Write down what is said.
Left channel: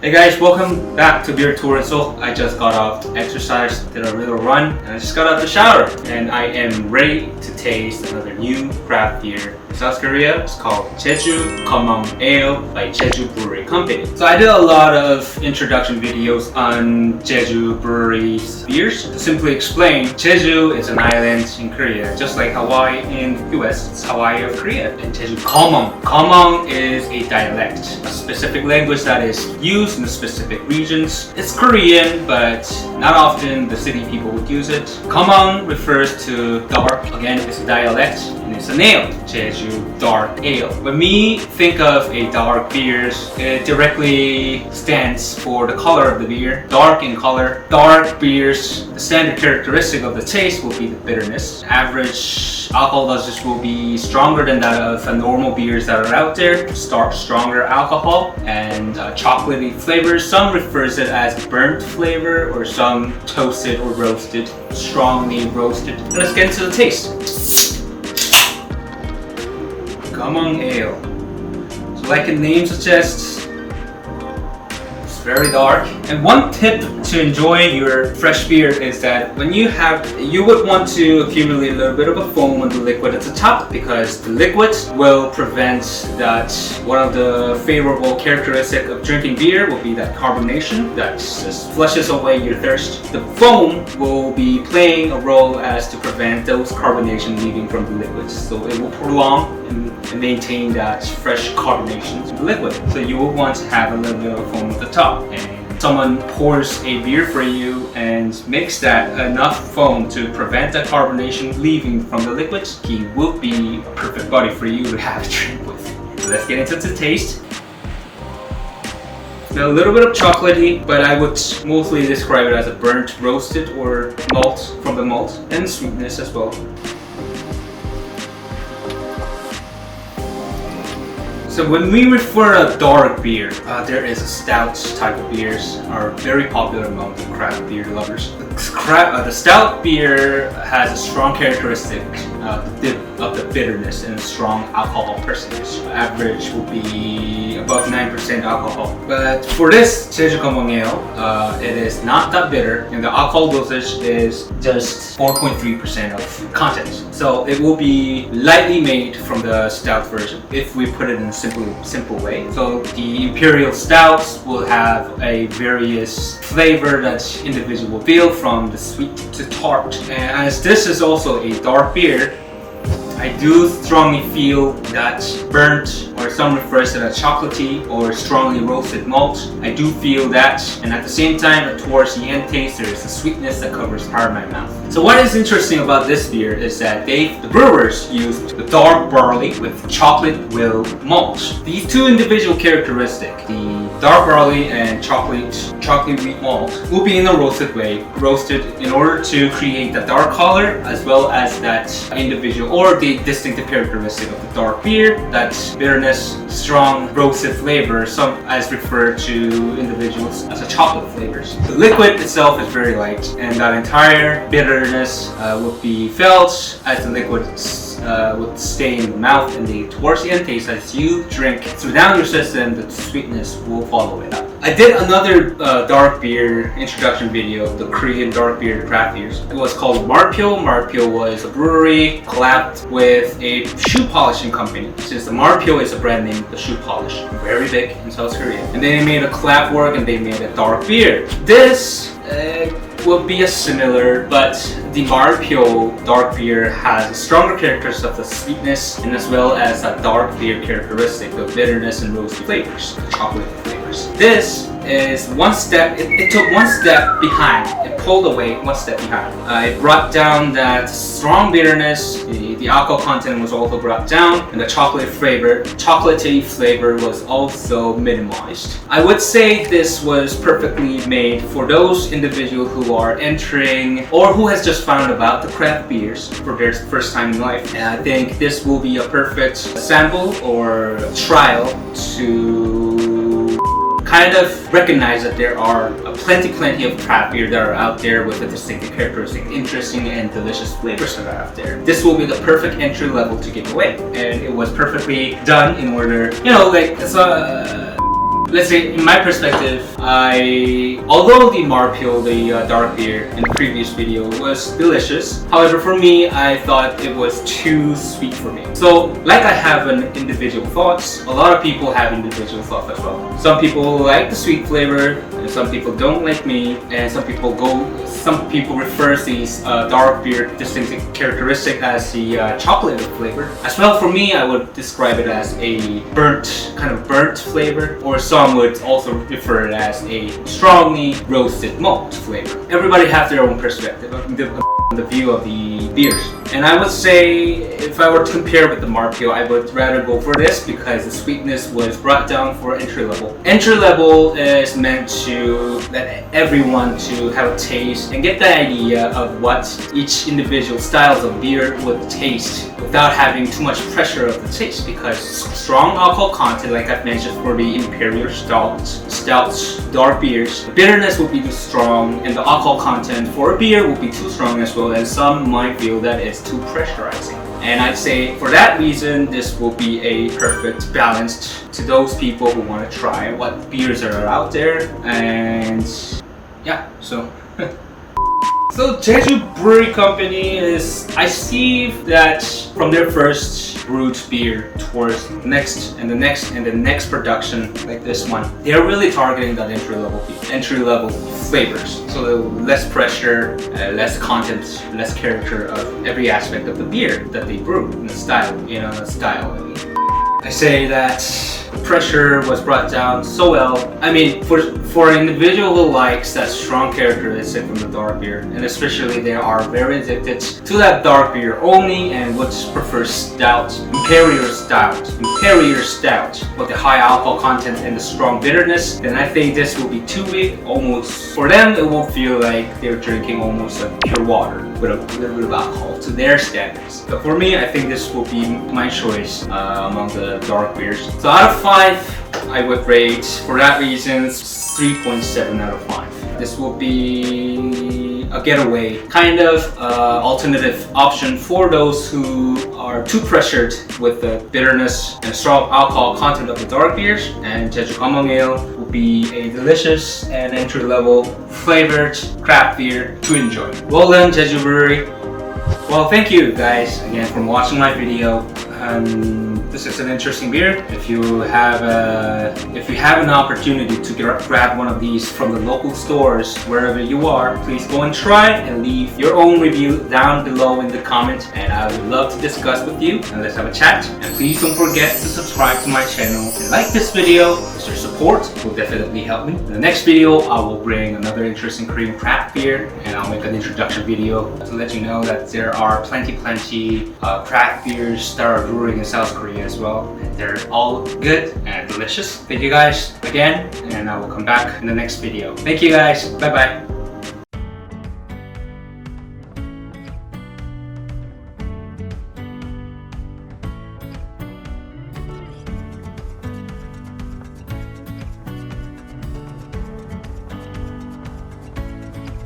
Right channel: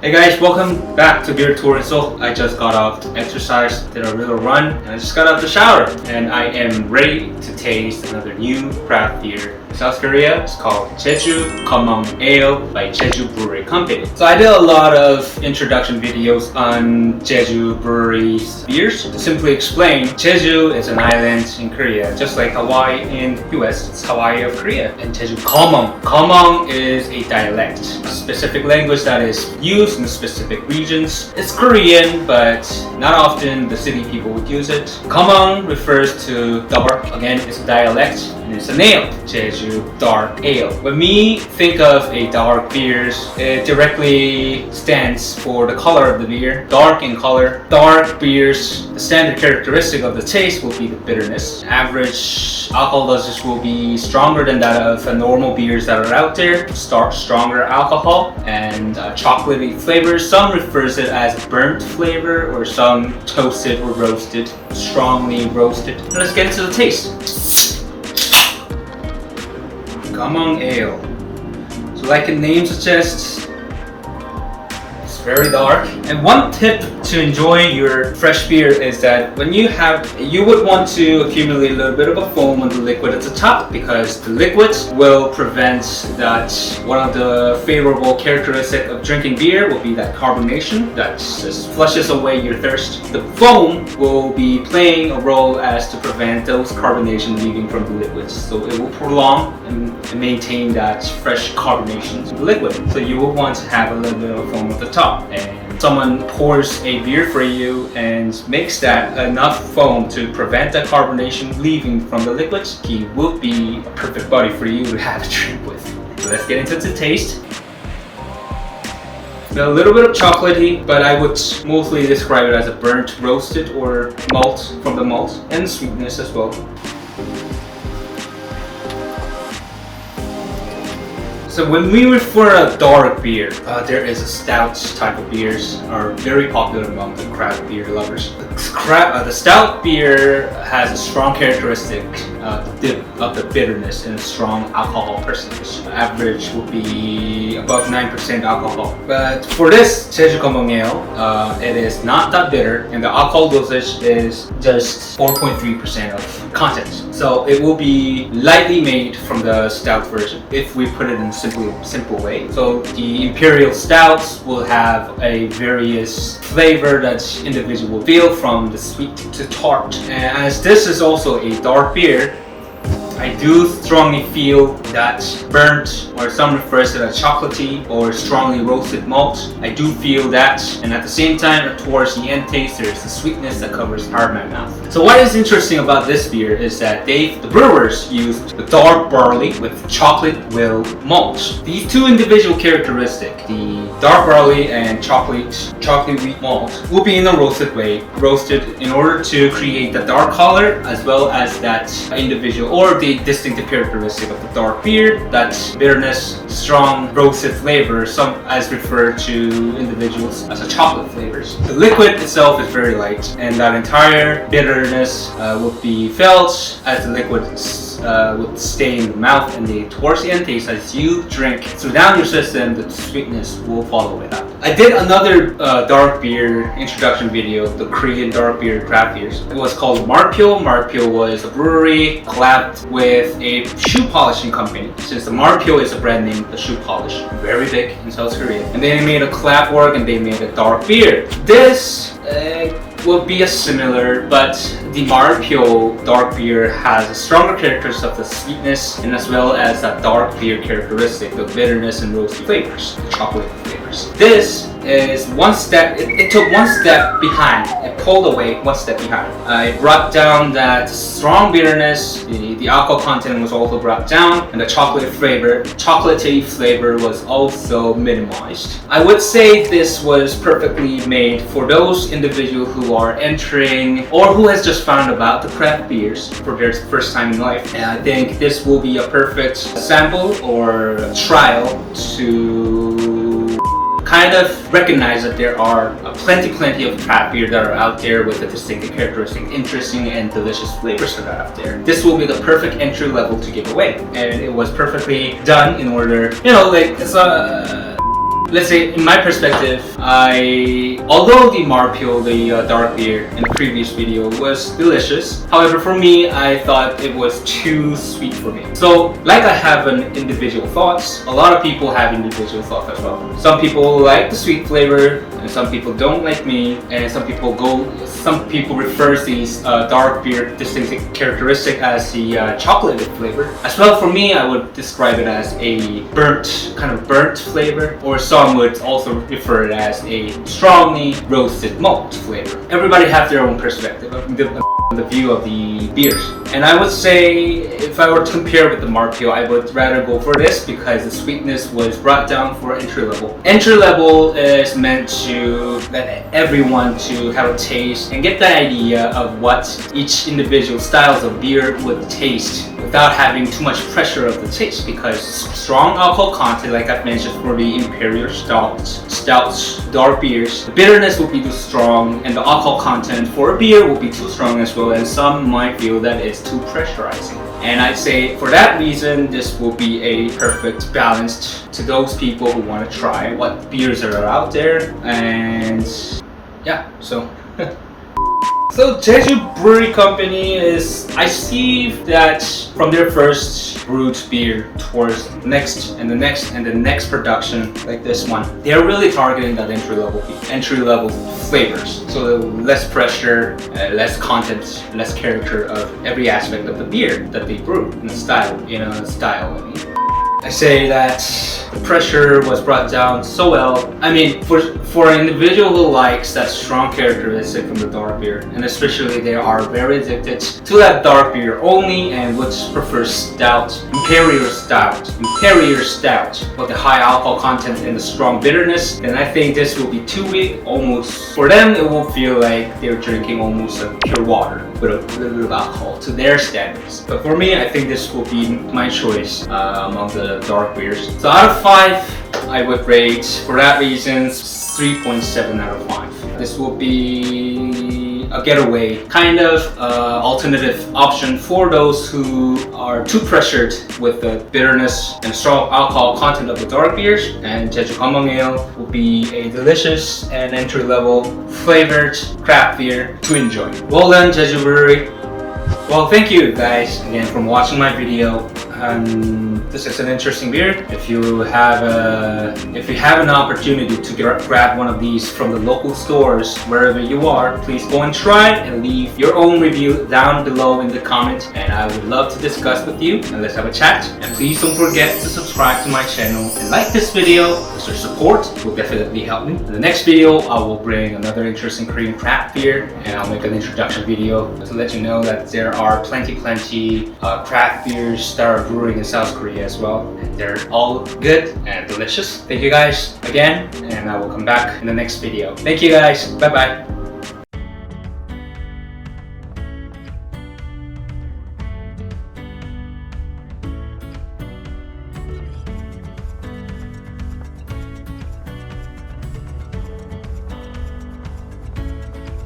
Hey guys, welcome back to Beer Tour. So I just got off to exercise, did a little run, and I just got out of the shower. And I am ready to taste another new craft beer in South Korea. It's called Jeju Komong Ale by Jeju Brewery Company. So I did a lot of introduction videos on Jeju Brewery's beers. To simply explain, Jeju is an island in Korea, just like Hawaii in the US. It's Hawaii of Korea. And Jeju Komong. Komong is a dialect, a specific language that is used in the specific regions. It's Korean, but not often the city people would use it. Komong refers to dark. Again, it's a dialect and it's an ale. Jeju Dark Ale. When we think of a dark beer, it directly stands for the color of the beer. Dark in color. Dark beers, the standard characteristic of the taste will be the bitterness. Average alcohol dosage will be stronger than that of the normal beers that are out there. Stronger alcohol and chocolatey flavors. Some refers it as burnt flavor, or some toasted or roasted, strongly roasted. Let's get into the taste. Komong Ale. So like the name suggests, it's very dark. And one tip to enjoy your fresh beer is that when you would want to accumulate a little bit of a foam on the liquid at the top, because the liquid will prevent that. One of the favorable characteristics of drinking beer will be that carbonation that just flushes away your thirst. The foam will be playing a role as to prevent those carbonation leaving from the liquids. So it will prolong and maintain that fresh carbonation in the liquid. So you will want to have a little bit of foam at the top. And someone pours a beer for you and makes that enough foam to prevent the carbonation leaving from the liquids, he will be a perfect buddy for you to have a drink with. So let's get into the taste. Now, a little bit of chocolatey, but I would mostly describe it as a burnt roasted or malt from the malt, and sweetness as well. So when we refer to dark beer, there is a stout type of beers are very popular among the craft beer lovers. The stout beer has a strong characteristic of the bitterness and a strong alcohol percentage. Average will be above 9% alcohol. But for this Jeju Komong Ale, it is not that bitter, and the alcohol dosage is just 4.3% of content. So it will be lightly made from the stout version if we put it in simple way. So the imperial stouts will have a various flavor that individual will feel, from the sweet to tart. And as this is also a dark beer, I do strongly feel that burnt, or some refers to that chocolatey or strongly roasted malt. I do feel that, and at the same time, towards the end taste, there's the sweetness that covers part of my mouth. So what is interesting about this beer is that the brewers used the dark barley with chocolate will malt. These two individual characteristics, the dark barley and chocolate wheat malt, will be in a roasted way, roasted in order to create the dark color as well as that individual or the distinctive characteristic of the dark beer, that bitterness, strong roasted flavor, some as referred to individuals as a chocolate flavors. The liquid itself is very light, and that entire bitterness would be felt as the liquid would stay in the mouth, and towards the end taste, as you drink through down your system, the sweetness will follow it up. I did another dark beer introduction video, the Korean dark beer craft beers. It was called Marpyo. Marpyo was a brewery collabed with a shoe polishing company. Since the Marpyo is a brand name, the shoe polish, very big in South Korea. And they made a collab work and they made a dark beer. This will be a similar, but the Marpyo dark beer has a stronger characteristics of the sweetness, and as well as that dark beer characteristic, the bitterness and roasty flavors, the chocolate flavors. This is one step, it took one step behind, it pulled away one step behind. It brought down that strong bitterness, the alcohol content was also brought down, and the chocolatey flavor was also minimized. I would say this was perfectly made for those individuals who are entering or who has just found about the craft beers for their first time in life. And I think this will be a perfect sample or trial to kind of recognize that there are plenty of craft beer that are out there with a distinctive characteristic, interesting and delicious flavors that are out there. This will be the perfect entry level to give away, and it was perfectly done in order, it's a let's say in my perspective, although the Marpio, the dark beer in the previous video was delicious, however for me, I thought it was too sweet for me. So like I have an individual thoughts, a lot of people have individual thoughts as well. Some people like the sweet flavor, and some people don't like me, and some people refer these dark beer distinctive characteristic as the chocolate flavor. As well, for me, I would describe it as a kind of burnt flavor, or some would also refer it as a strongly roasted malt flavor. Everybody has their own perspective of the view of the beers. And I would say, if I were to compare with the Marpio, I would rather go for this because the sweetness was brought down for entry level. Entry level is meant to let everyone to have a taste and get the idea of what each individual styles of beer would taste without having too much pressure of the taste, because strong alcohol content, like I've mentioned for the imperial stouts, dark beers, the bitterness will be too strong and the alcohol content for a beer will be too strong as well, and some might feel that it's too pressurizing. And I'd say for that reason, this will be a perfect balance to those people who want to try what beers are out there. And yeah, so so Jeju Brewery Company is, I see that from their first brewed beer towards the next and the next and the next production like this one, they're really targeting that entry level flavors. So the less pressure, less content, less character of every aspect of the beer that they brew in the style, I mean. I say that the pressure was brought down so well. I mean, for an individual who likes that strong characteristic from the dark beer, and especially they are very addicted to that dark beer only and would prefer imperial stout with the high alcohol content and the strong bitterness, then I think this will be too weak. Almost for them, it will feel like they're drinking almost like pure water with a little bit of alcohol to their standards. But for me, I think this will be my choice among the dark beers. So out of 5, I would rate, for that reason, 3.7 out of 5. This will be a getaway kind of alternative option for those who are too pressured with the bitterness and strong alcohol content of the dark beers. And Jeju Kamong Ale will be a delicious and entry-level flavored craft beer to enjoy. Well done, Jeju Brewery. Well, thank you guys again for watching my video. This is an interesting beer. If you have an opportunity to grab one of these from the local stores wherever you are, please go and try and leave your own review down below in the comments, and I would love to discuss with you and let's have a chat. And please don't forget to subscribe to my channel and like this video, because your support will definitely help me. In the next video, I will bring another interesting Korean craft beer, and I'll make an introduction video to let you know that there are plenty craft beers that are brewing in South Korea as well, and they're all good and delicious. Thank you guys again, and I will come back in the next video. Thank you guys. Bye bye.